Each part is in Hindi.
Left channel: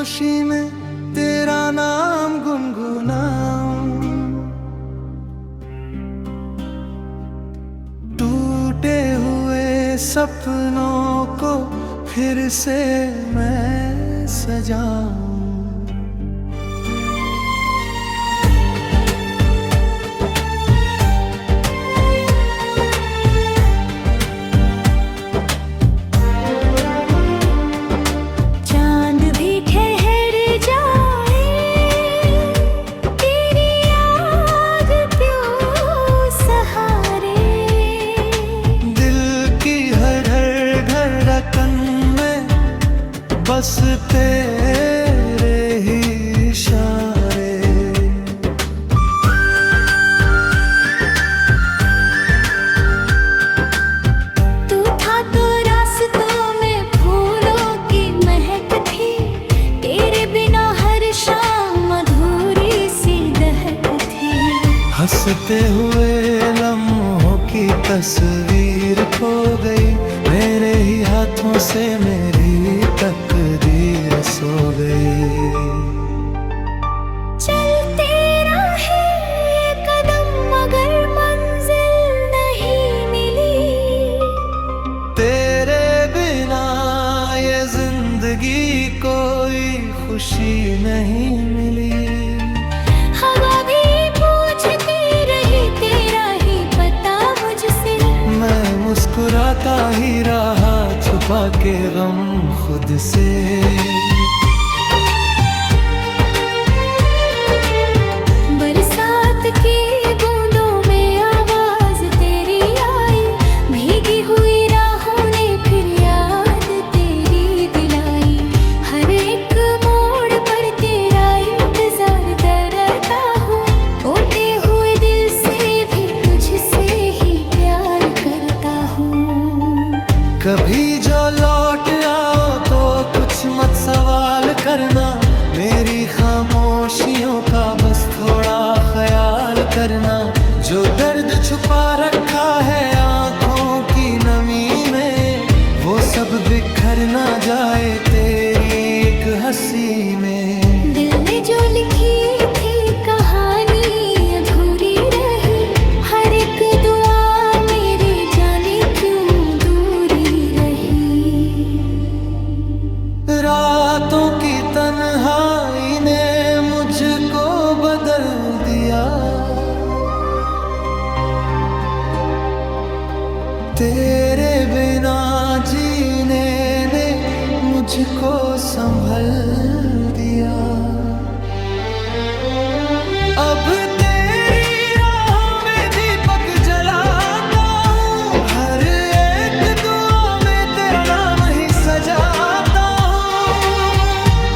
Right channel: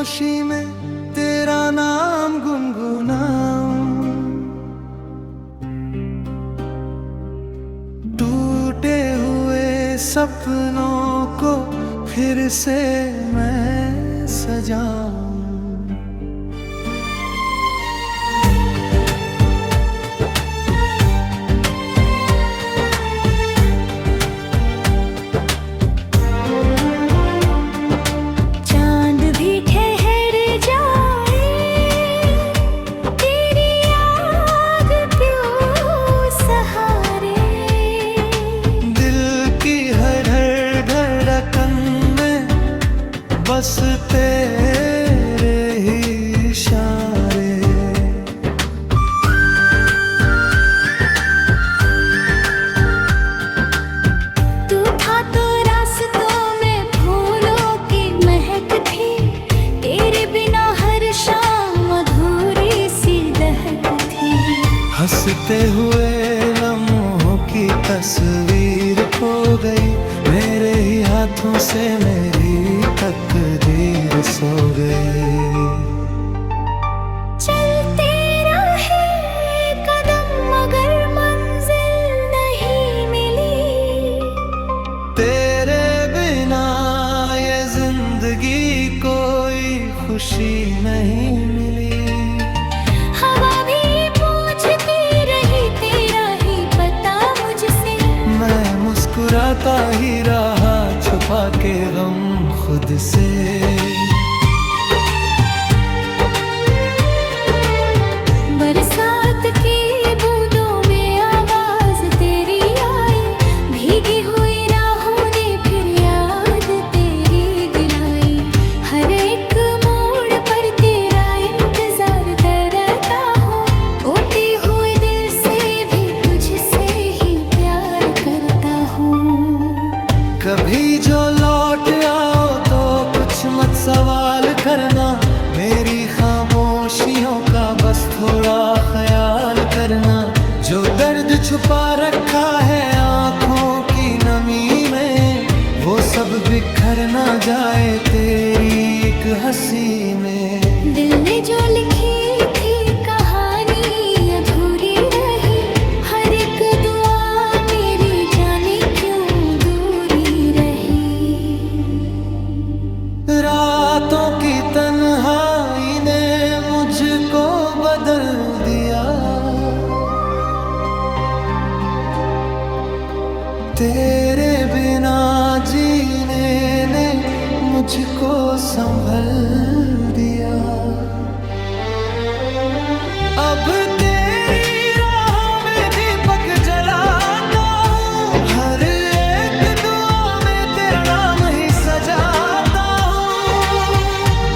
खामोशी में तेरा नाम गुनगुनाऊं, टूटे हुए सपनों को फिर से मैं सजाऊं। चांद भी ठहर जाए, तेरी याद क्यों सहारे। दिल की हर धड़कन में बस तेरे ही इशारे। तू था तो रास्तों में फूलों की महक थी, तेरे बिना हर शाम अधूरी सी दहक थी। हंसते हुए लम्हों की तस्वीर खो गई, मेरे ही हाथों से मेरी तकदीर सो गई। चलते रहे कदम मगर मंजिल नहीं मिली, तेरे बिना ये जिंदगी कोई खुशी नहीं मिली। हवा भी पूछती रही तेरा ही पता मुझसे, मैं मुस्कुराता ही रहा छुपा के गम खुद से। बरसात की बूंदों में आवाज तेरी आई, भीगी हुई राहों ने फिर याद तेरी दिलाई। हर एक मोड़ पर तेरा इंतजार करता हूँ, टूटे हुए दिल से भी तुझसे ही प्यार करता हूँ। कभी जो लौट आओ तो कुछ मत सवाल करना, मेरी खामोशियों का बस थोड़ा ख्याल करना। जो दर्द छुपा रखा है आँखों की नमी में, वो सब बिखर ना जाए तेरी एक हंसी में। दिल ने जो लिखी थी कहानी अधूरी रही, हर एक दुआ मेरी जाने क्यों दूरी रही। रातों की तन्हाई ने मुझको बदल दिया, तेरे बिना जीने ने मुझको संभल दिया। अब तेरी राहों में दीपक जलाता हूँ, हर एक दुआ में तेरा नाम ही सजाता हूँ।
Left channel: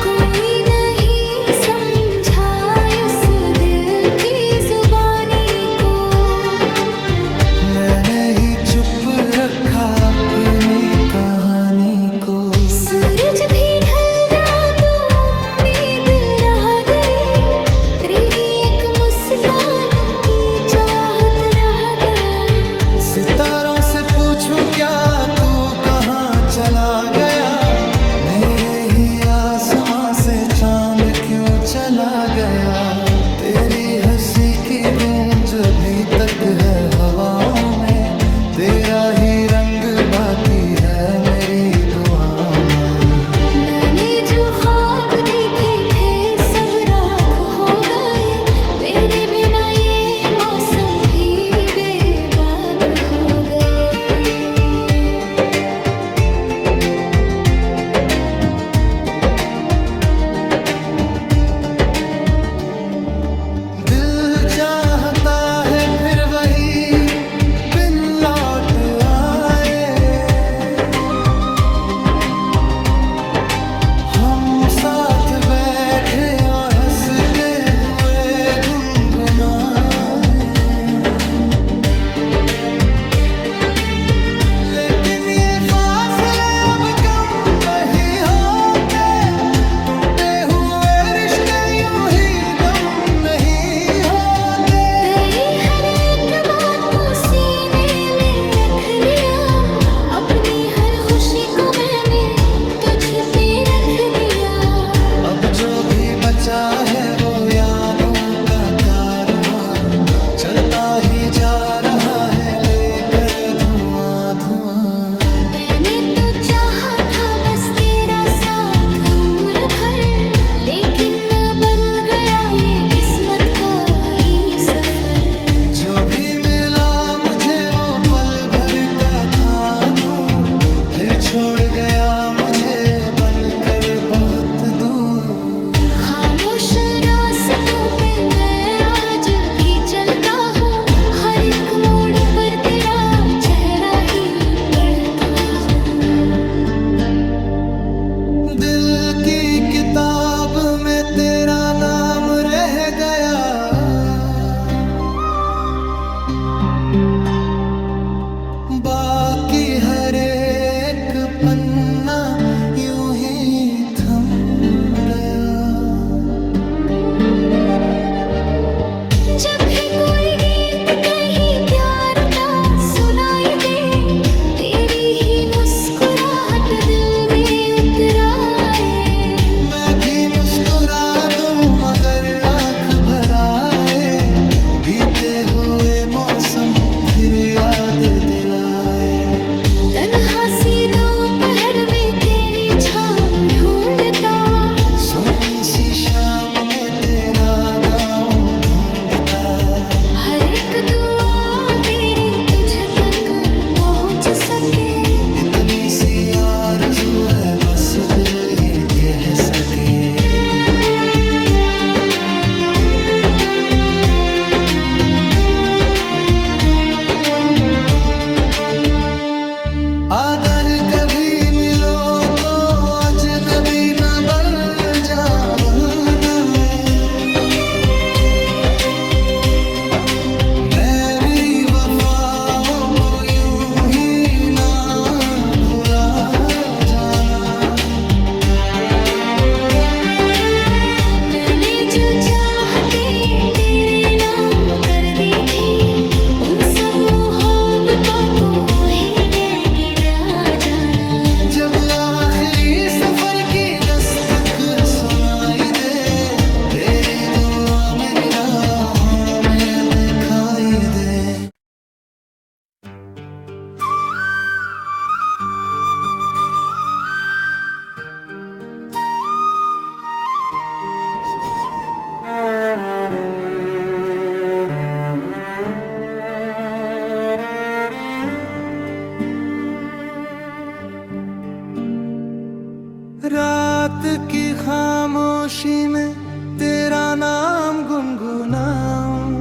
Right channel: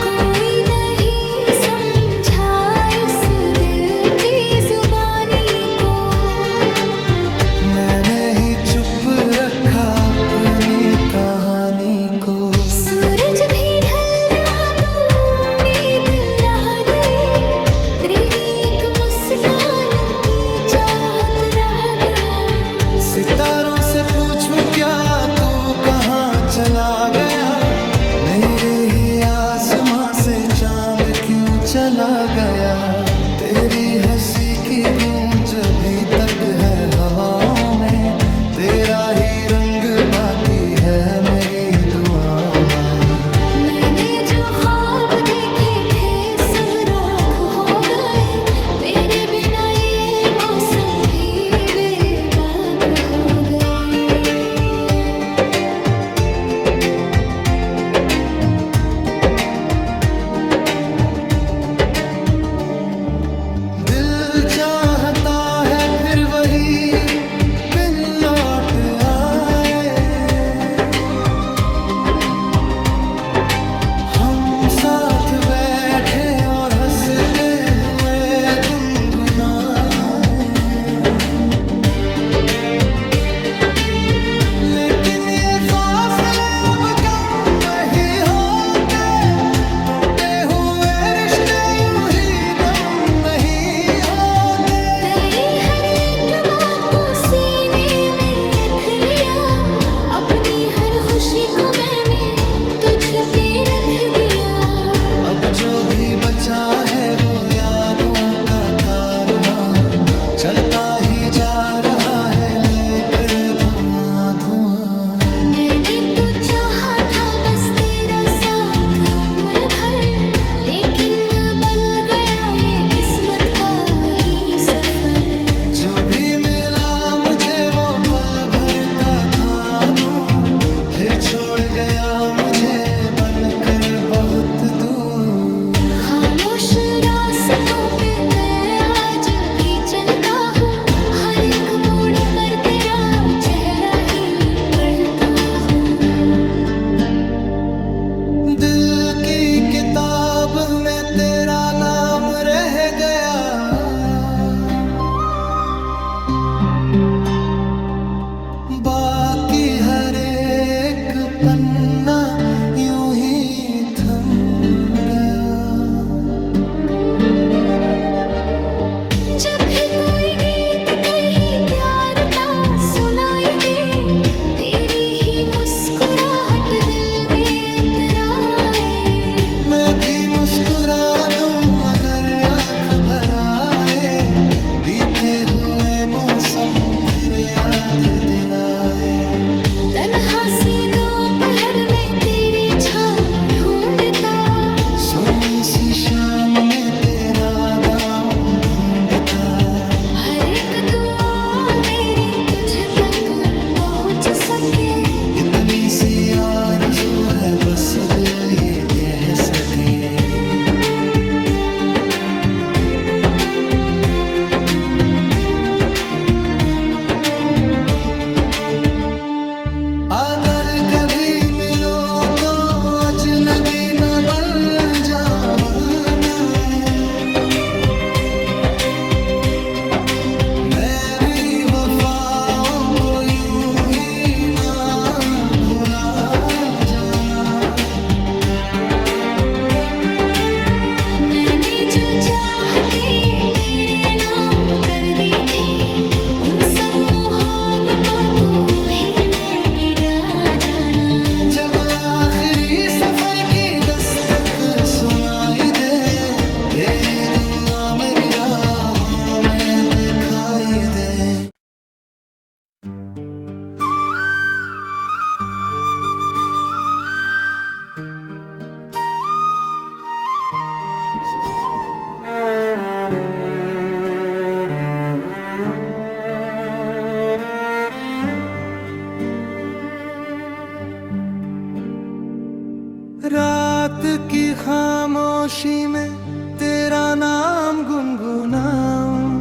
कोई नहीं समझा इस दिल की जुबानी को, मैंने ही चुप रखा अपनी कहानी को। सूरज भी ढल गया तो उम्मीद रह गई, तेरी एक मुस्कान की चाहत रह गया। सितारों से पूछूं क्या तू कहाँ चला गया, मेरे ही आसमां से चांद क्यों चला गया। तेरी हंसी की गूंज अभी तक है हवाओं में, तेरा ही रंग बाकी है मेरी दुआओं में। मैंने जो ख्वाब देखे थे सब राख हो गए, मेरे बिना ये मौसम भी बेबाक हो गए। दिल चाहता है फिर वही बिन लौट आए, हम साथ बैठे और हंसते हुए गुनगुनाए। लेकिन ये फासले अब कम नहीं होते, टूटे हुए रिश्ते यूं ही दम नहीं होते। तेरी हर एक बात को सीने में रख लिया, अपनी हर खुशी को मैंने तुझ पे रख दिया। अब जो भी बचा है वो यादों का कारवां चलता ही जा रहा है लेकर धुआं धुआं। मैंने तो चाहा था बस तेरा साथ उम्र भर, लेकिन बन गया ये किस्मत का ही सफर। जो भी मिला मुझे वो पल भर का था नूर, फिर छोड़ गया मुझे बनकर बहुत दूर। खामोश रास्तों पे मैं आज भी चलता हूँ, हर एक मोड़ पर तेरा चेहरा ही पढ़ता हूँ। दिल की किताब में तेरा नाम रह गया, बाकी हर एक पन्ना यूं ही थम गया। जब भी कोई गीत कहीं प्यार का सुनाई दे, तेरी ही मुस्कुराहट दिल में उतराए। मैं भी मुस्कुरा दूं मगर आंख भर आए, बीते हुए मौसम फिर याद दिलाए। तन्हा सी दोपहर में तेरी छाँव ढूंढता, सुनी सी शाम में तेरा गाँव ढूंढता। हर एक दुआ मेरी तुझ तक पहुंच सके, इतनी सी आरज़ू है बस दिल ये कह सके। अगर कभी मिलो तो अजनबी न बन जा बनाए। मैं भी वफाओं को यूं ही ना भुला जाना। मैंने जो चाहते तेरे नाम कर दी थी, उन सब मोहब्बतों को ही जाना। जब आखिरी सफर की दस्तक सुनाई दे, तेरी दुआ मेरी राहों में दिखाई दे। रात की खामोशी में तेरा नाम गुनगुनाऊं,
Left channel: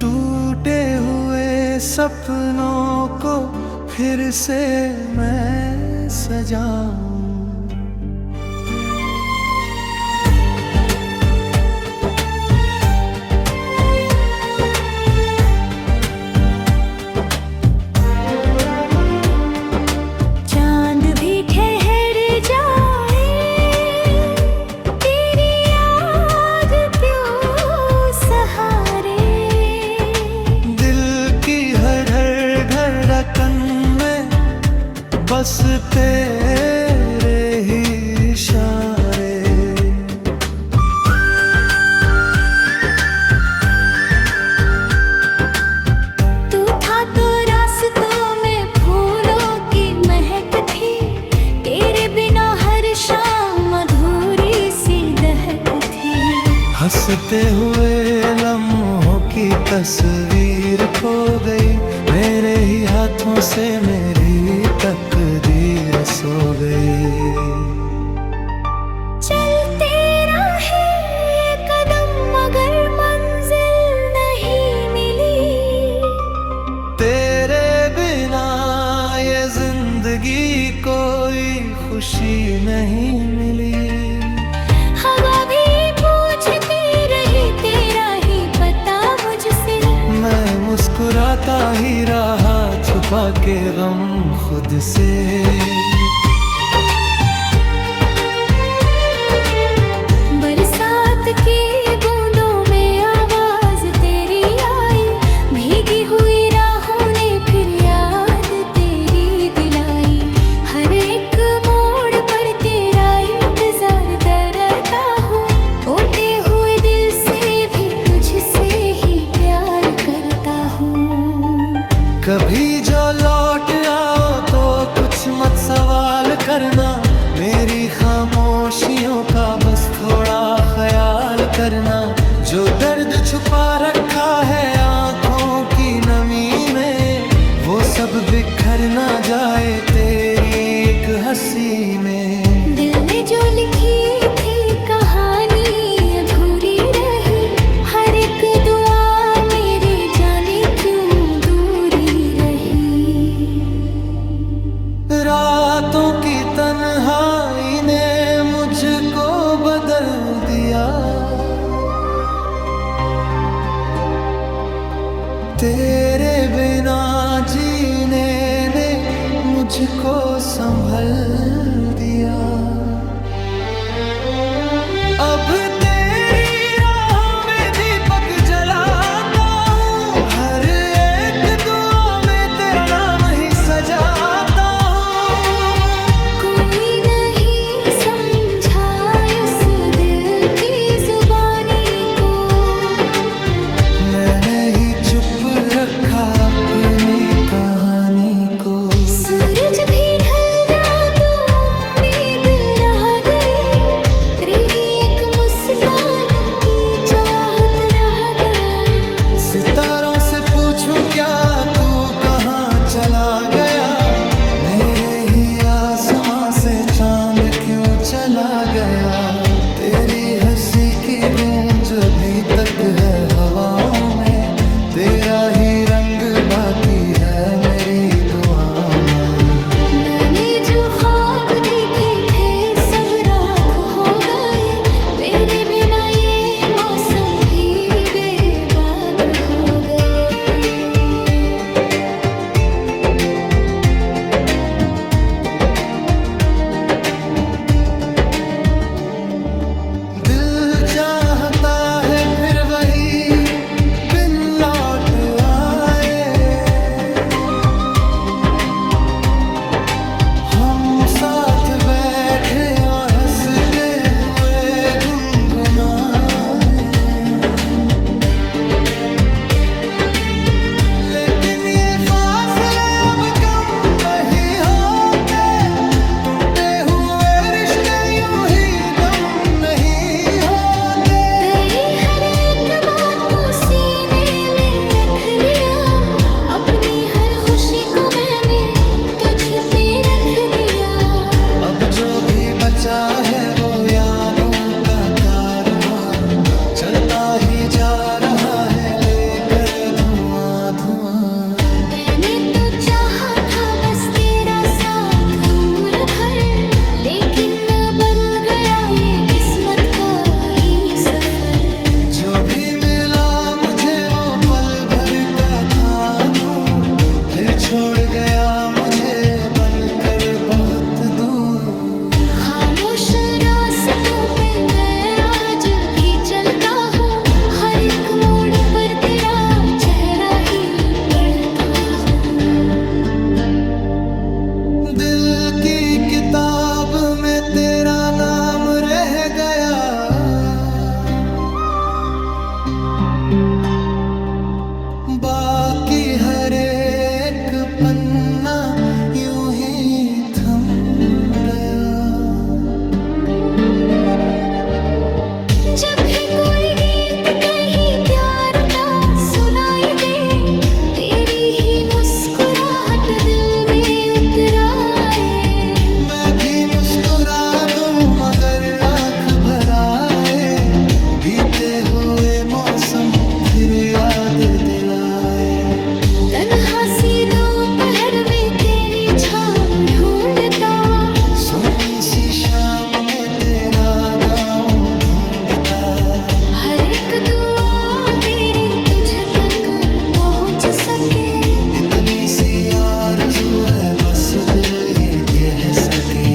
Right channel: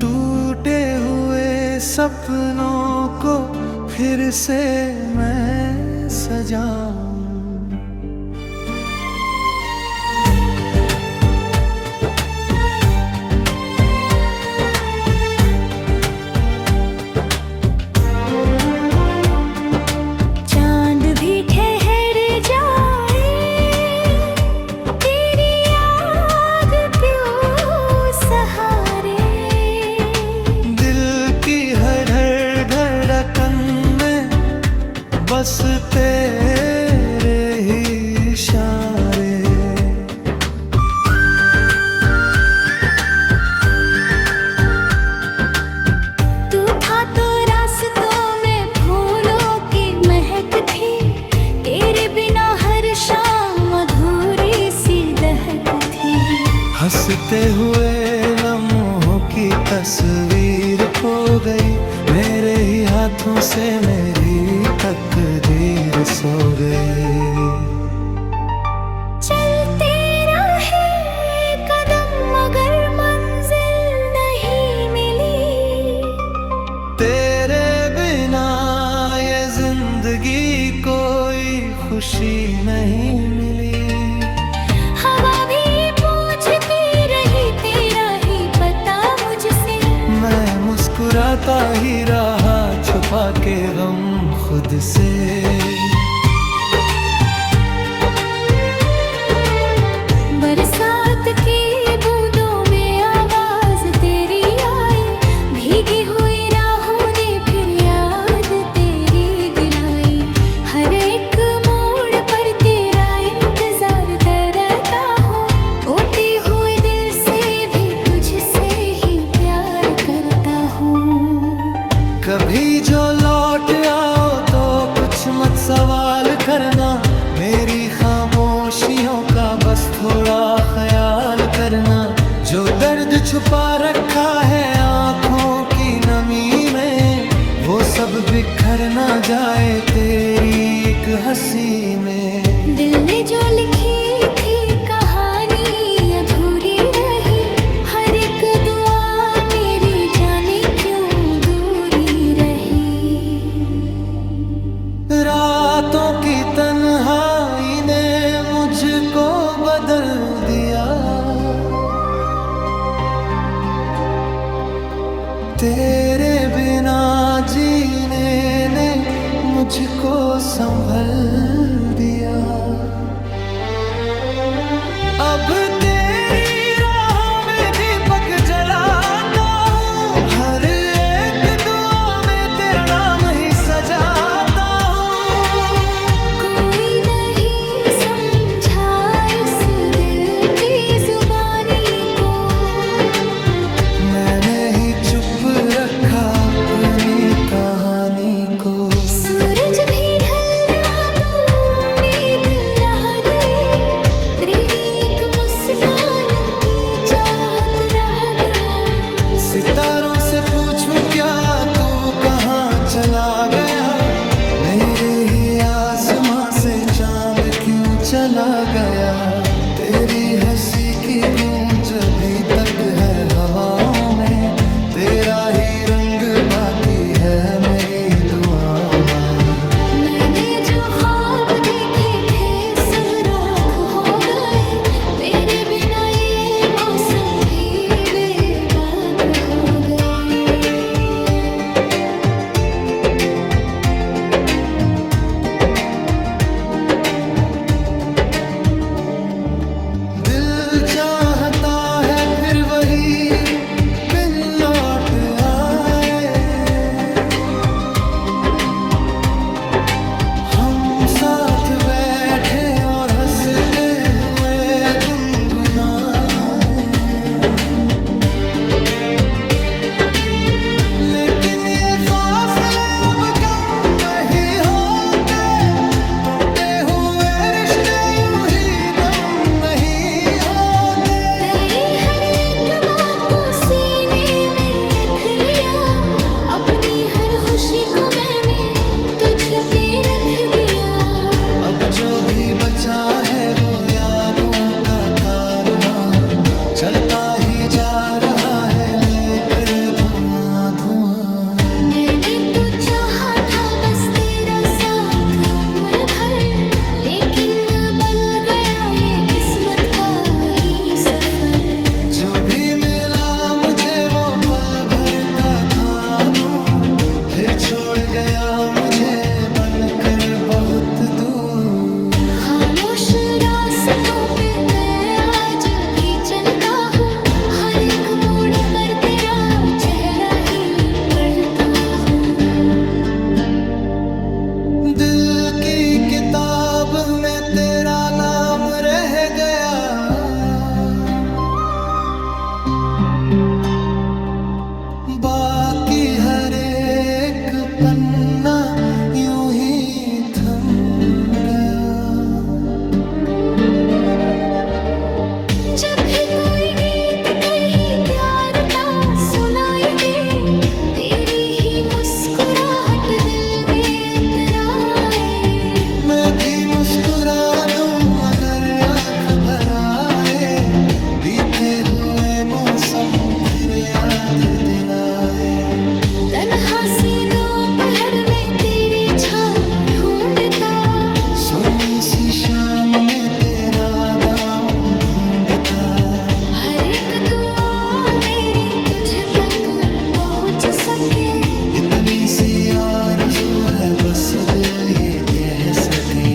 टूटे हुए सपनों को फिर से मैं सजाऊं। बस तेरे ही इशारे, तू था तो रास्तों में फूलों की महक थी, तेरे बिना हर शाम अधूरी सी दहक थी। हंसते हुए लम्हों की तस्वीर खो गई, मेरे ही हाथों से मेरी तकदीर सो गई। चलते रहे कदम मगर मंजिल नहीं मिली, तेरे बिना ये जिंदगी कोई खुशी नहीं मिली। हवा भी पूछती रही तेरा ही पता मुझसे, मैं मुस्कुराता ही रहा छुपा के गम खुद से। बरसात की बूंदों में आवाज तेरी आई, भीगी हुई राहों ने फिर याद तेरी दिलाई। हर एक कभी जो लौट आओ तो कुछ मत सवाल करना, मेरी खामोशियों का बस थोड़ा ख्याल करना। जो दर्द छुपा रखा है आँखों की नमी में, वो सब बिखर ना जाए तेरी एक हंसी में। दिल ने जो लिखी थी कहानी अधूरी रही, हर एक दुआ मेरी जाने क्यों दूरी रही। रातों की तन्हाई ने मुझको बदल दिया, तेरे बिना जीने ने मुझको संभल दिया। अब तेरी राहों में दीपक जलाता हूँ, हर एक दुआ में तेरा नाम ही सजाता हूँ। कोई नहीं समझा इस दिल की जुबानी को, मैंने ही चुप रखा अपनी कहानी को। सूरज भी ढल गया तो उम्मीद रह गई, तेरी एक मुस्कान की चाहत रह गया। सितारों से पूछूं क्या तू कहाँ चला गया, मेरे ही आसमां से चांद क्यों चला गया। तेरी हंसी की गूंज अभी तक है हवाओं में, तेरा ही रंग बाकी है मेरी दुआओं में। मैंने जो ख्वाब देखे थे सब राख हो गए, मेरे बिना ये मौसम भी बेबाक हो गए। दिल चाहता है फिर वही बिन लौट आए, हम साथ बैठे और हंसते हुए गुनगुनाए। लेकिन ये फासले अब कम नहीं होते, टूटे हुए रिश्ते यूं ही दम नहीं होते। तेरी हर एक बात को सीने में रख लिया, अपनी हर खुशी को मैंने तुझ पे रख दिया। अब जो भी बचा है वो यादों का कारवां, चलता ही जा रहा है लेकर धुआं धुआं। मैंने तो चाहा था बस तेरा साथ उम्र भर, लेकिन बन गया ये किस्मत का ही सफर। जो भी मिला मुझे वो पल भर का था नूर, फिर छोड़ गया मुझे बनकर बहुत दूर। खामोश रास्तों पे मैं आज भी चलता हूँ, हर एक मोड़ पर तेरा चेहरा ही पढ़ता हूँ। दिल की किताब में तेरा नाम रह गया, बाकी हर एक पन्ना यूं ही थम गया। जब भी कोई गीत कहीं प्यार का सुनाई दे, तेरी ही मुस्कुराहट दिल में उतर आए। मैं भी मुस्कुरा दूं मगर आंख भर आए, बीते हुए मौसम फिर याद दिलाए। तन्हा सी दोपहर में तेरी छाँव ढूंढता, सुनी सी शाम में तेरा गाँव ढूंढता। हर एक दुआ मेरी तुझ तक पहुँच सके, इतनी सी आरज़ू है बस दिल ये कह सके।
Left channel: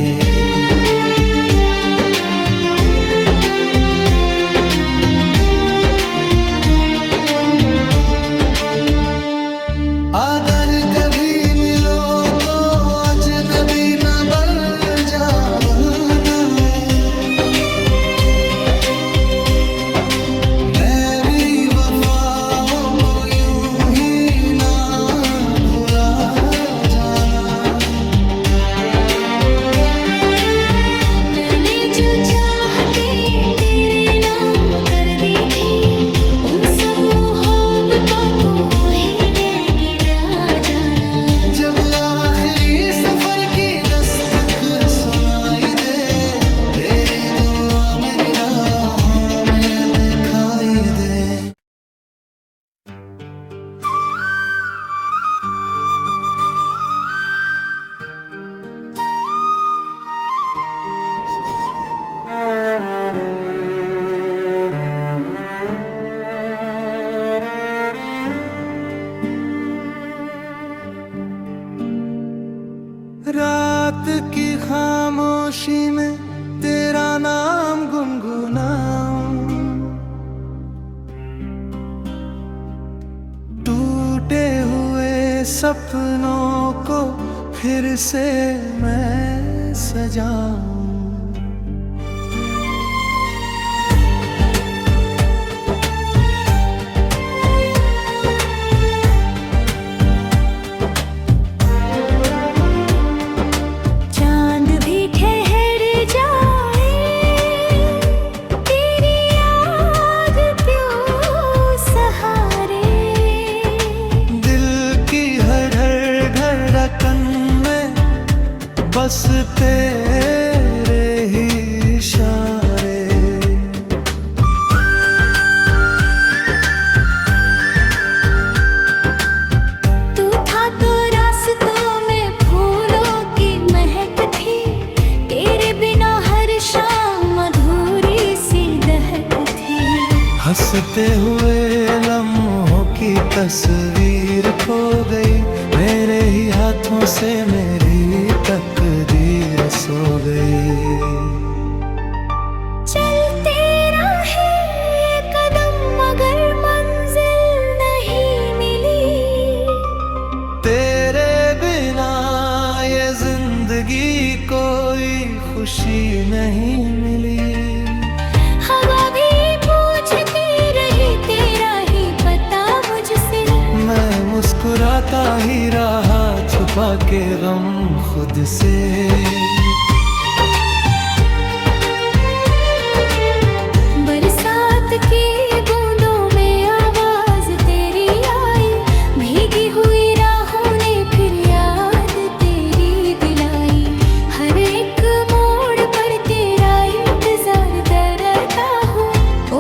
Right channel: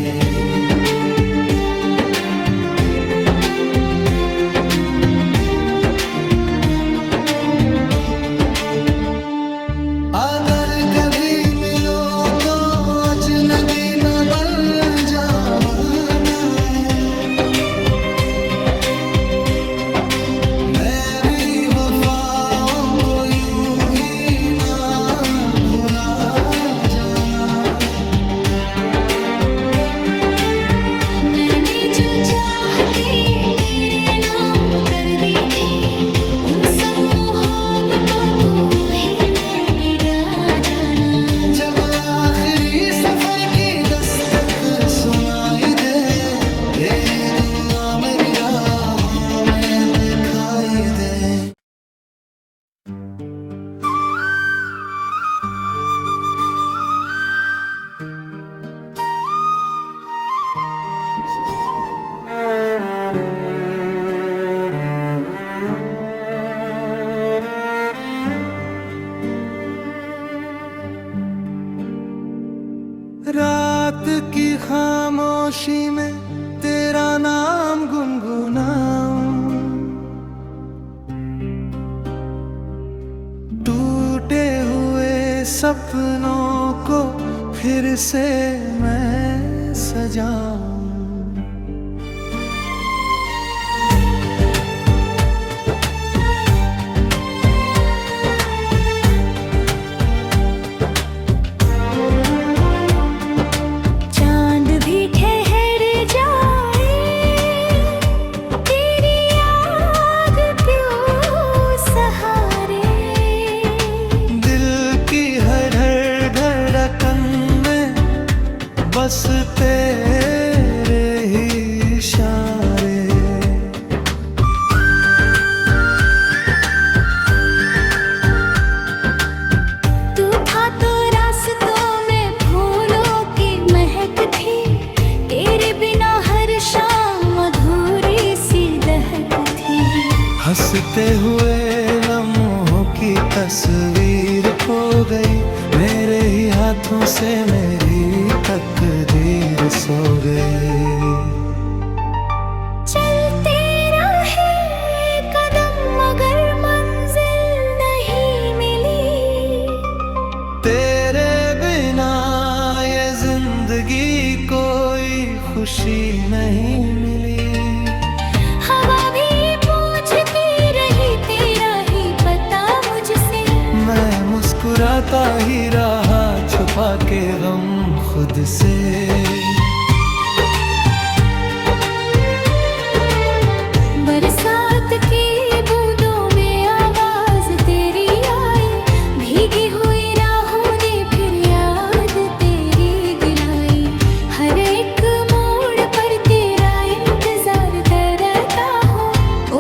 अगर कभी मिलो तो अजनबी न बन जाना है, मैं भी वफाओं को यूं ही ना भुला सुनाई दे, तेरी दुआ मेरी राहों में दिखाई दे। रात की खामोशी में तेरा नाम गुनगुनाऊं, टूटे हुए सपनों को फिर से मैं सजाऊं। बस तेरे ही इशारे, तू था तो रास्तों में फूलों की महक थी, तेरे बिना हर शाम अधूरी सी दहक थी। हंसते हुए लम्हों की तस्वीर खो गई, मेरे ही हाथों से मेरी तकदीर सो गई। चलते रहे कदम मगर मंजिल नहीं मिली, तेरे बिना ये जिंदगी कोई खुशी नहीं मिली। हवा भी पूछती रही तेरा ही पता मुझसे, मैं मुस्कुराता ही रहा छुपा के गम खुद से। बरसात की बूंदों में आवाज तेरी आई, भीगी हुई राहों ने फिर याद तेरी दिलाई। हर एक मोड़ पर तेरा इंतजार करता हूँ,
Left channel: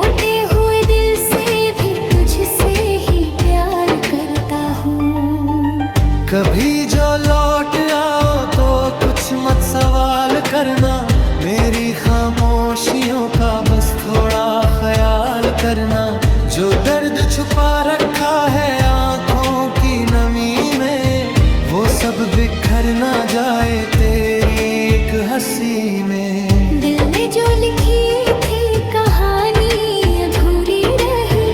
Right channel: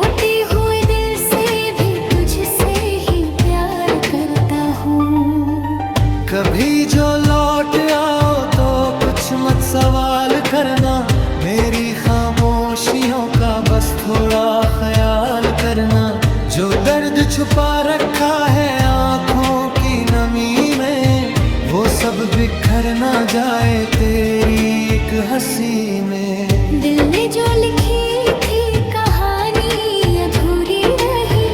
ओटे हुए दिल से भी तुझसे ही प्यार करता हूँ। कभी जो लौट आओ तो कुछ मत सवाल करना, मेरी खामोशियों का बस थोड़ा ख्याल करना। जो दर्द छुपा रखा है आँखों की नमी में, वो सब बिखर ना जाए तेरी एक हंसी में। दिल ने जो लिखी थी कहानी अधूरी रही,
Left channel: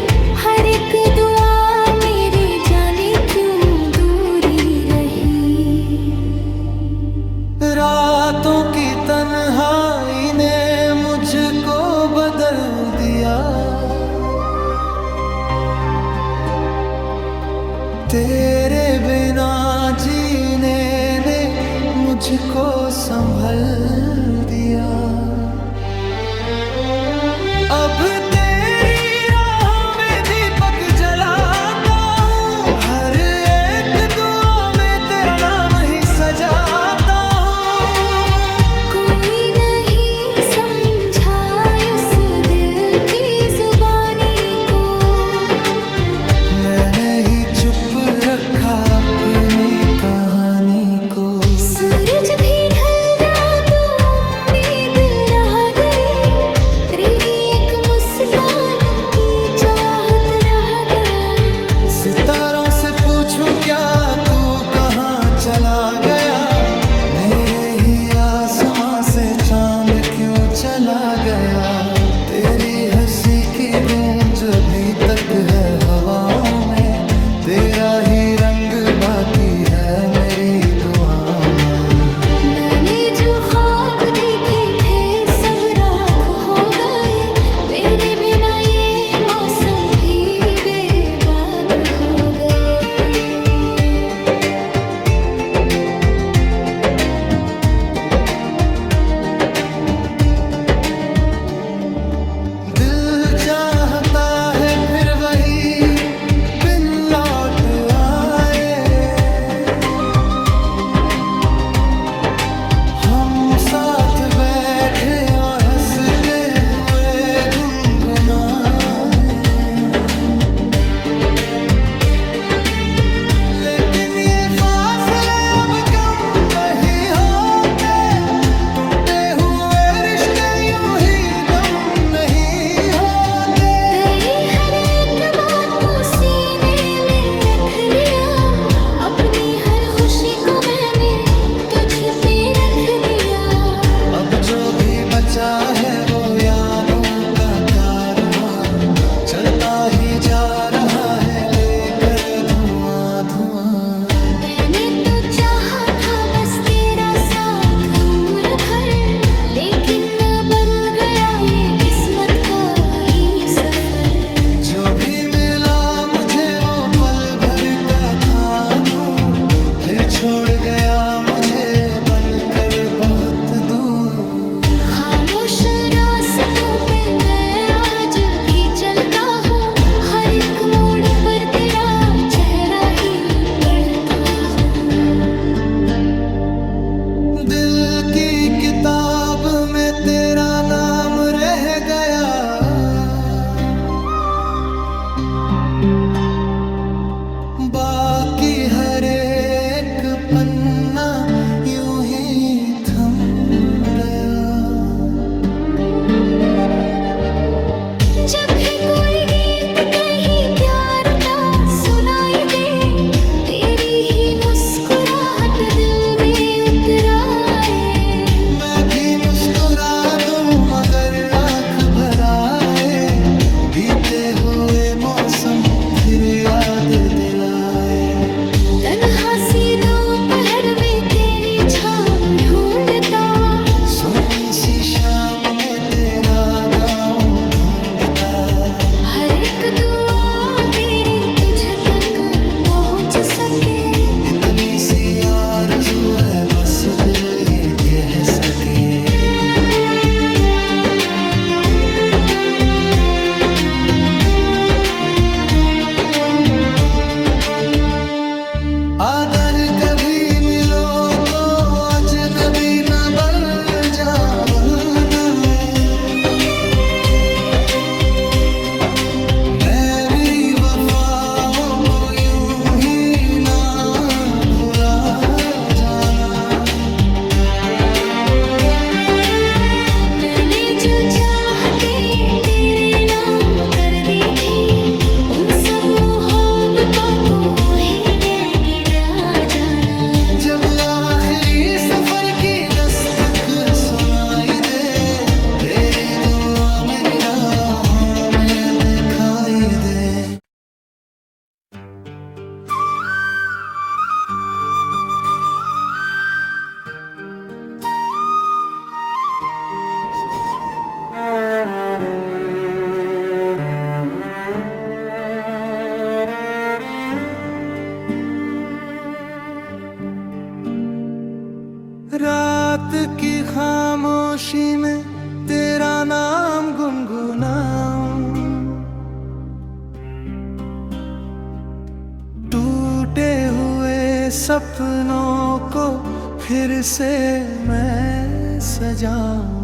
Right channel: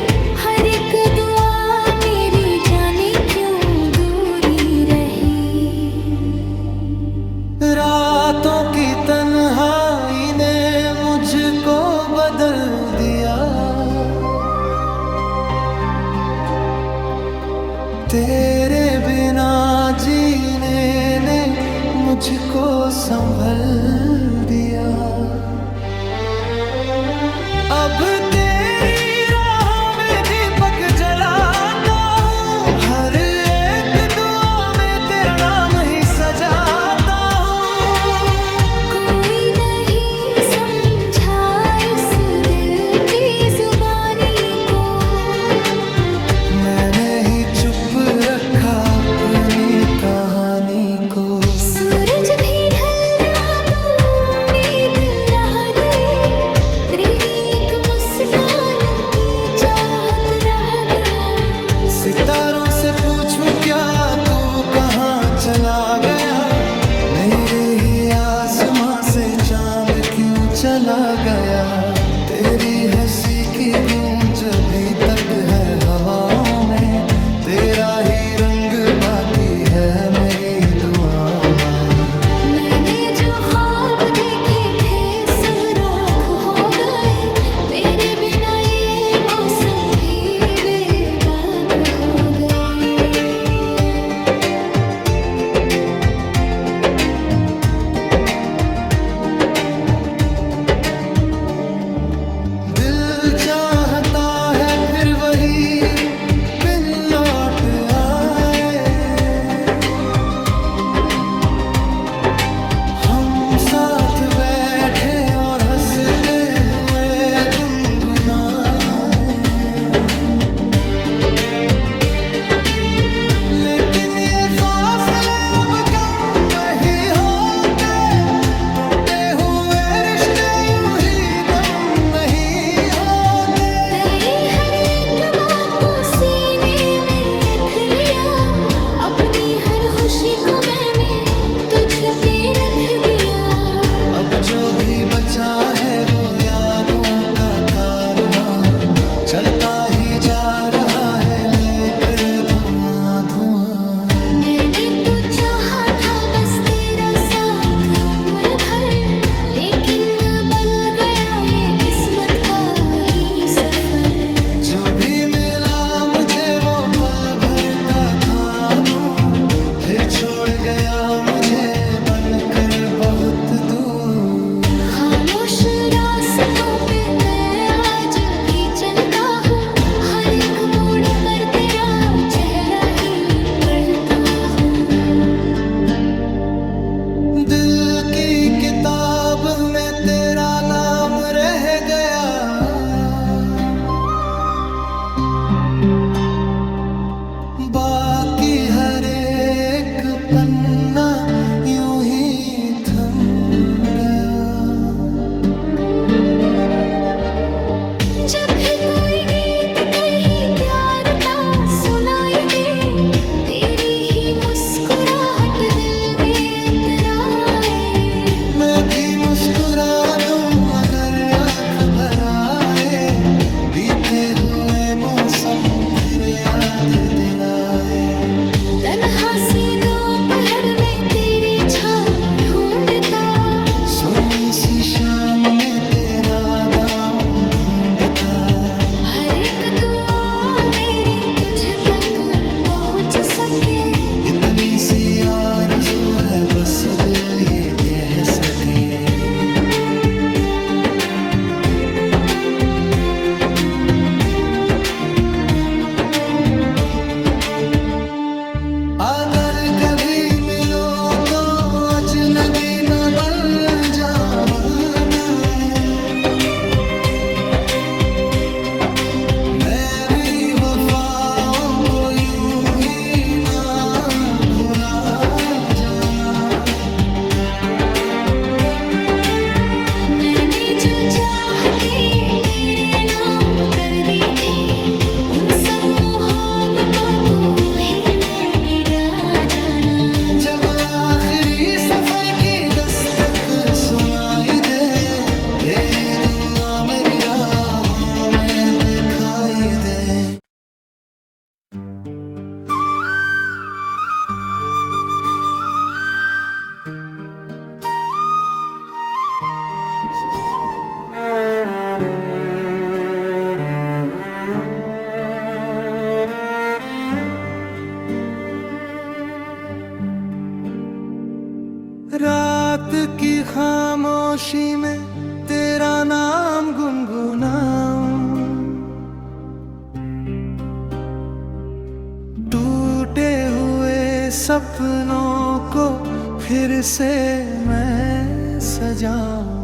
हर एक दुआ मेरी जाने क्यों दूरी रही। रातों की तन्हाई ने मुझको बदल दिया, तेरे बिना जीने ने मुझको संभल दिया। अब तेरी राहों में दीपक जलाता हूँ, हर एक दुआ में तेरा नाम ही सजाता हूँ। कोई नहीं समझा इस दिल की जुबानी को, मैंने ही चुप रखा अपनी कहानी को। सूरज भी ढल गया तो उम्मीद रह गई, तेरी एक मुस्कान की चाहत रह गया। सितारों से पूछूं क्या तू कहाँ चला गया, मेरे ही आसमां से चांद क्यों चला गया। तेरी हंसी की गूंज अभी तक है हवाओं में, तेरा ही रंग बाकी है मेरी दुआओं में। मैंने जो ख्वाब देखे थे सब राख हो गए, मेरे बिना ये मौसम भी बेबाक हो गए। दिल चाहता है फिर वही बिन लौट आए, हम साथ बैठे और हंसते हुए गुनगुनाए, लेकिन ये फासले अब कम नहीं होते, टूटे हुए रिश्ते यूं ही दम नहीं होते। तेरी हर एक बात को सीने में रख लिया, अपनी हर खुशी को मैंने तुझ पे रख दिया। अब जो भी बचा है वो यादों का कारवां, चलता ही जा रहा है लेकर धुआं धुआं। मैंने तो चाहा था बस तेरा साथ उम्र भर, लेकिन बन गया ये किस्मत का ही सफर। जो भी मिला मुझे वो पल भर का था नूर, फिर छोड़ गया मुझे बनकर बहुत दूर। खामोश रास्तों पे मैं आज भी चलता हूँ, हर एक मोड़ पर तेरा चेहरा ही पढ़ता हूँ। दिल की किताब में तेरा नाम रह गया, बाकी हर एक पन्ना यूं ही थम गया। जब भी कोई गीत कहीं प्यार का सुनाई दे, तेरी ही मुस्कुराहट दिल में उतराए। मैं भी मुस्कुरा दूं मगर आंख भर आए, बीते हुए मौसम फिर याद दिलाए। तन्हा सी दोपहर में तेरी छाँव ढूंढता, सोनी सी शाम में तेरा गाँव ढूंढता। हर एक दुआ मेरी तुझ तक पहुंच सके, इतनी सी आरज़ू है बस दिल ये कह सके। अगर कभी मिलो तो अजनबी न बन जा बनाए, मैं भी वफाओं को यूं ही ना भुला जाना। मैंने जो चाहते तेरे नाम कर दी थी, उन सब मोहब्बतों को ही जाना। जब आखिरी सफर की दस्तक सुनाई दे, तेरी दुआ मेरी राहों में दिखाई दे। रात की खामोशी में तेरा नाम गुनगुनाऊं, टूटे हुए सपनों को फिर से मैं सजाऊं।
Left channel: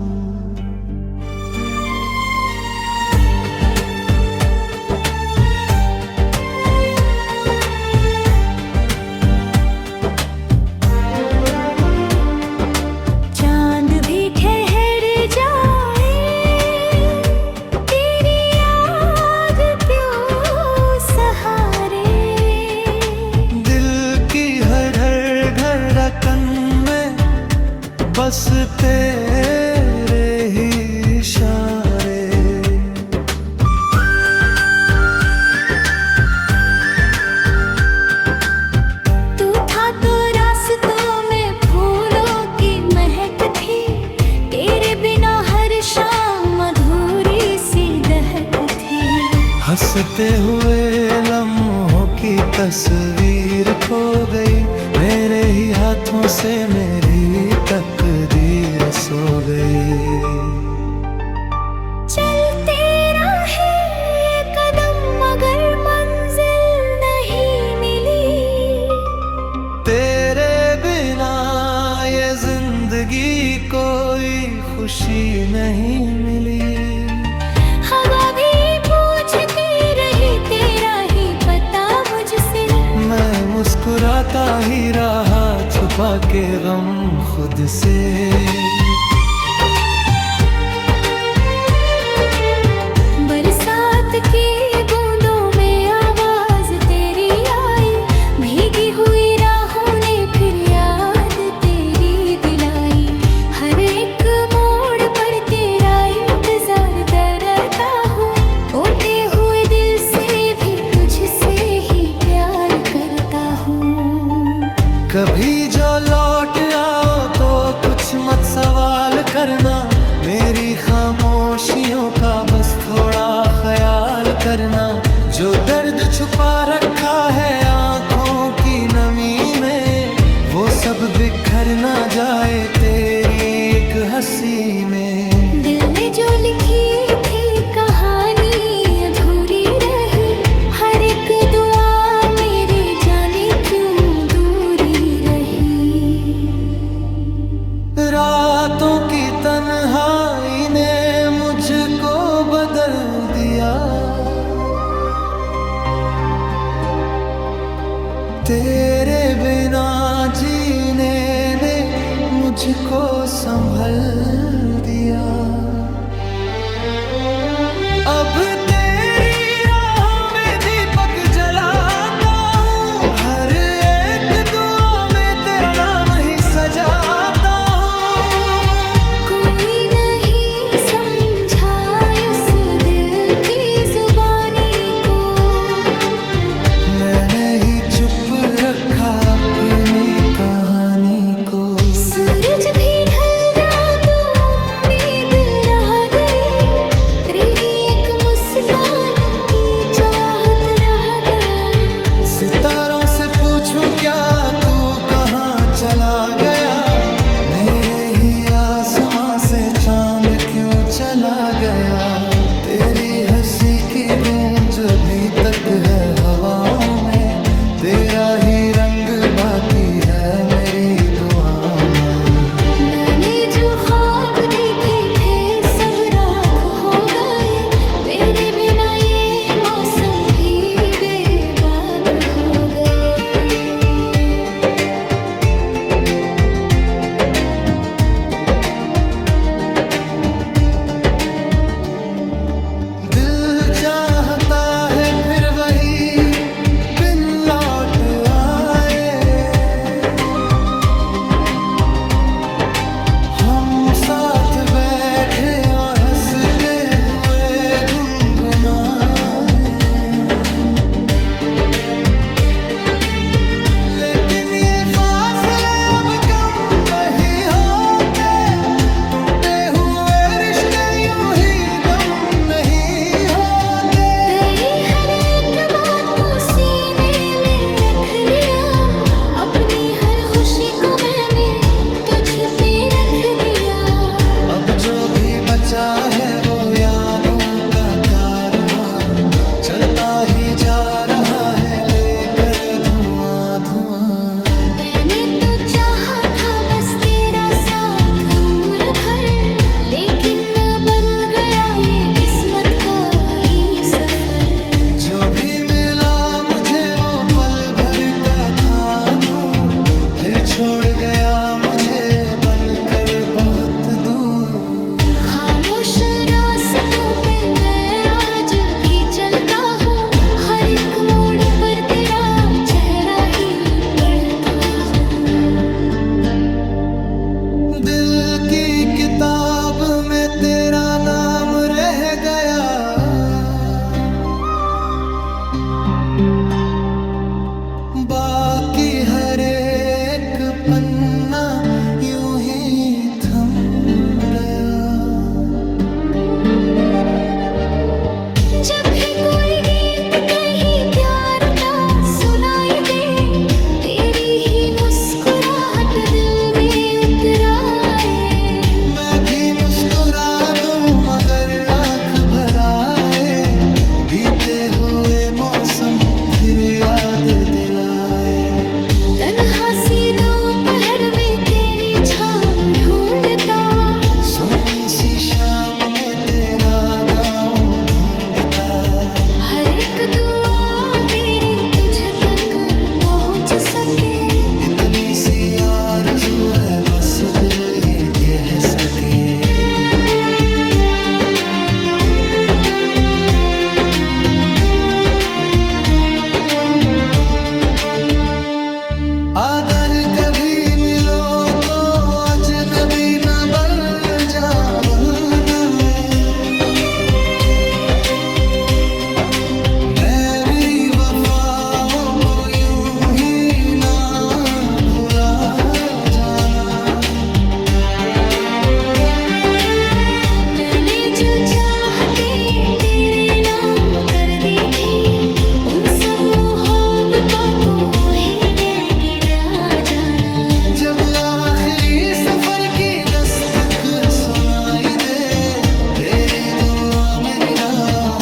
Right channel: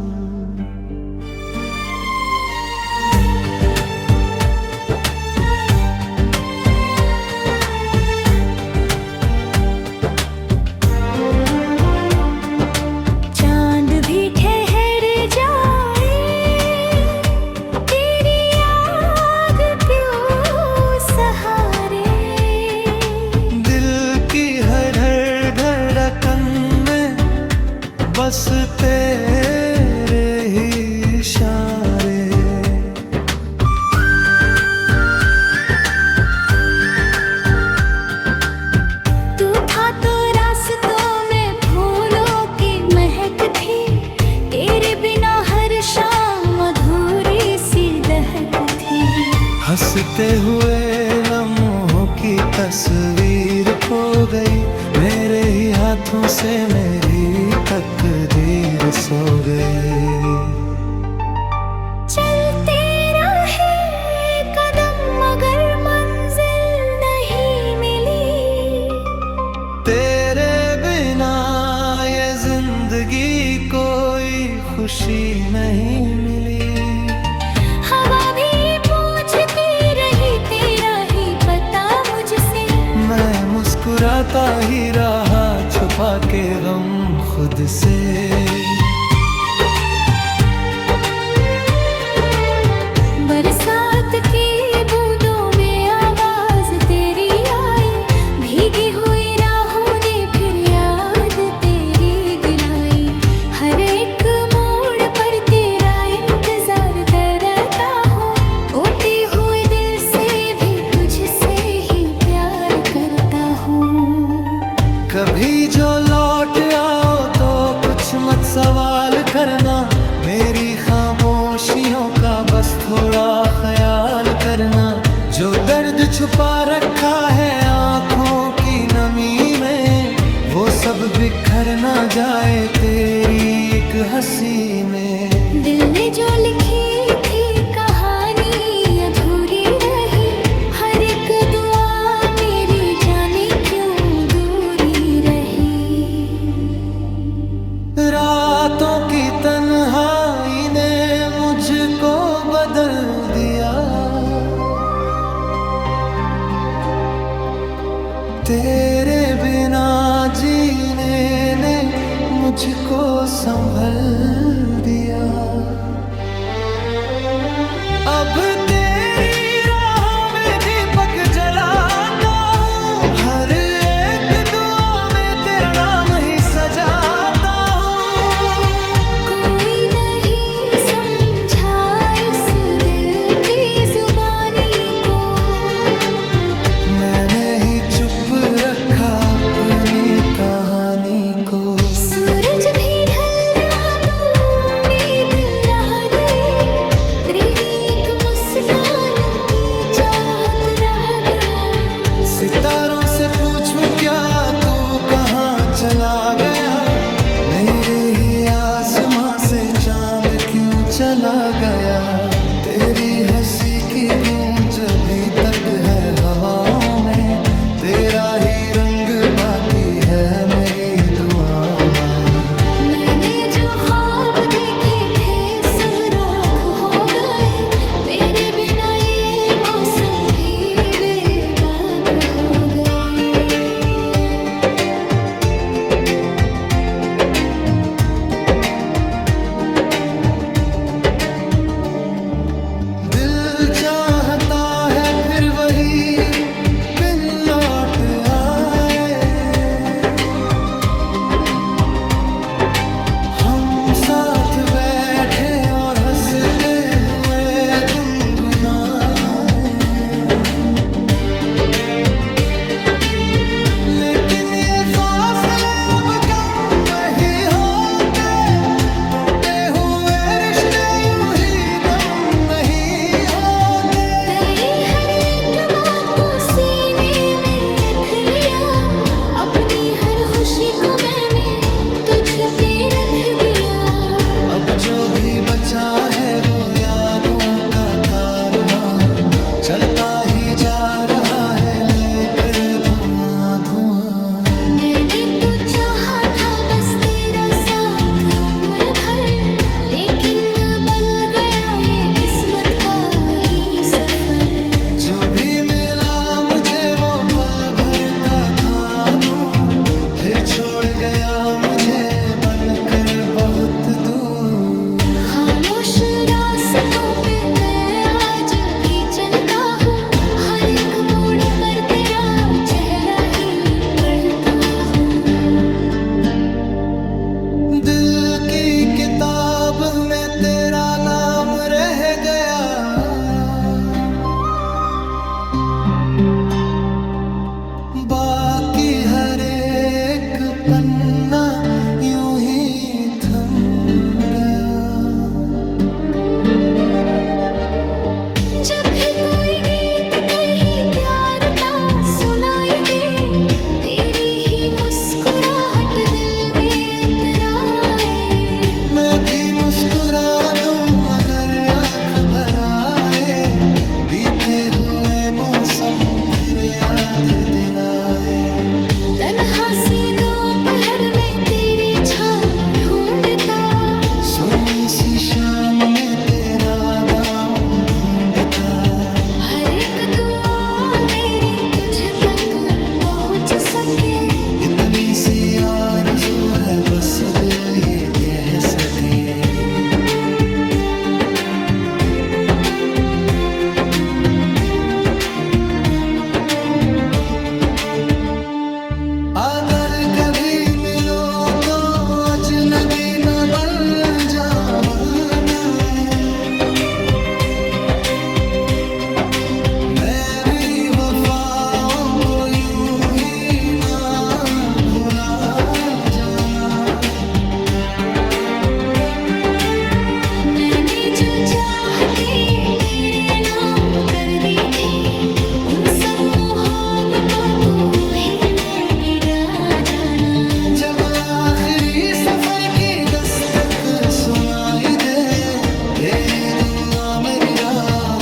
बस तेरे ही इशारे, तू था तो रास्तों में फूलों की महक थी, तेरे बिना हर शाम अधूरी सी दहक थी। हंसते हुए लम्हों की तस्वीर खो गई, मेरे ही हाथों से मेरी तकदीर सो गई। चलते रहे कदम मगर मंजिल नहीं मिली, तेरे बिना ये जिंदगी को खुशी नहीं मिली। हवा भी पूछती रही तेरा ही पता मुझसे, मैं मुस्कुराता ही रहा छुपा के गम खुद से। बरसात की बूंदों में आवाज तेरी आई, भीगी हुई राहों ने फिर याद तेरी दिलाई। हर एक मोड़ पर तेरा इंतजार करता हूँ, टूटे हुए दिल से भी तुझसे ही प्यार करता हूँ। कभी जो लौट आओ तो कुछ मत सवाल करना, मेरी खामोशियों का बस थोड़ा ख्याल करना। जो दर्द छुपा रखा है आँखों की नमी में, वो सब बिखर ना जाए तेरी एक हंसी में। दिल ने जो लिखी थी कहानी अधूरी रही, हर एक दुआ मेरी जाने क्यों दूरी रही। रातों की तन्हाई ने मुझको बदल दिया, तेरे बिना जीने ने मुझको संभल दिया। अब तेरी राहों में दीपक जलाता हूँ, हर एक दुआ में तेरा नाम ही सजाता हूँ। कोई नहीं समझा इस दिल की जुबानी को, मैंने ही चुप रखा अपनी कहानी को। सूरज भी ढल गया तो उम्मीद रह गई, तेरी एक मुस्कान की चाहत रह गया। सितारों से पूछूं क्या तू कहाँ चला गया, मेरे ही आसमां से चांद क्यों चला गया। तेरी हंसी की गूंज अभी तक है हवाओं में, तेरा ही रंग बाकी है मेरी दुआओं में। मैंने जो ख्वाब देखे थे सब राख हो गए, मेरे बिना ये मौसम भी बेबाक हो गए। दिल चाहता है फिर वही बिन लौट आए, हम साथ बैठे और हंसते हुए गुनगुनाए। लेकिन ये फासले अब कम नहीं होते, टूटे हुए रिश्ते यूं ही दम नहीं होते। तेरी हर एक बात को सीने में रख लिया, अपनी हर खुशी को मैंने तुझ पे रख दिया। अब जो भी बचा है वो यादों का कारवां, चलता ही जा रहा है लेकर धुआं धुआं। मैंने तो चाहा था बस तेरा साथ उम्र भर, लेकिन बन गया ये किस्मत का ही सफर। जो भी मिला मुझे वो पल भर का था नूर, फिर छोड़ गया मुझे बनकर बहुत दूर। खामोश रास्तों पे मैं आज भी चलता हूँ, हर एक मोड़ पर तेरा चेहरा ही पढ़ता हूँ। दिल की किताब में तेरा नाम रह गया, बाकी हर एक पन्ना यूं ही थम गया। जब भी कोई गीत कहीं प्यार का सुनाई दे, तेरी ही मुस्कुराहट दिल में उतर आए। मैं भी मुस्कुरा दूं मगर आंख भर आए, बीते हुए मौसम फिर याद दिलाए। तन्हा सी दोपहर में तेरी छाँव ढूंढता, सोनी सी शाम में तेरा गाँव ढूंढता, हर एक दुआ मेरी तुझ तक पहुंच सके। इतनी सी आरज़ू है बस दिल ये कह सके। अगर कभी मिलो तो अजनबी न बन जाना है, मैं भी वफाओं को यूं ही ना भुला जाना। मैंने जो चाहते तेरे नाम कर दी थी, उन सब मोहब्बतों को ही ने गिरा जाना। जब आखिरी सफर की दस्तक सुनाई दे, तेरी दुआ मेरी राह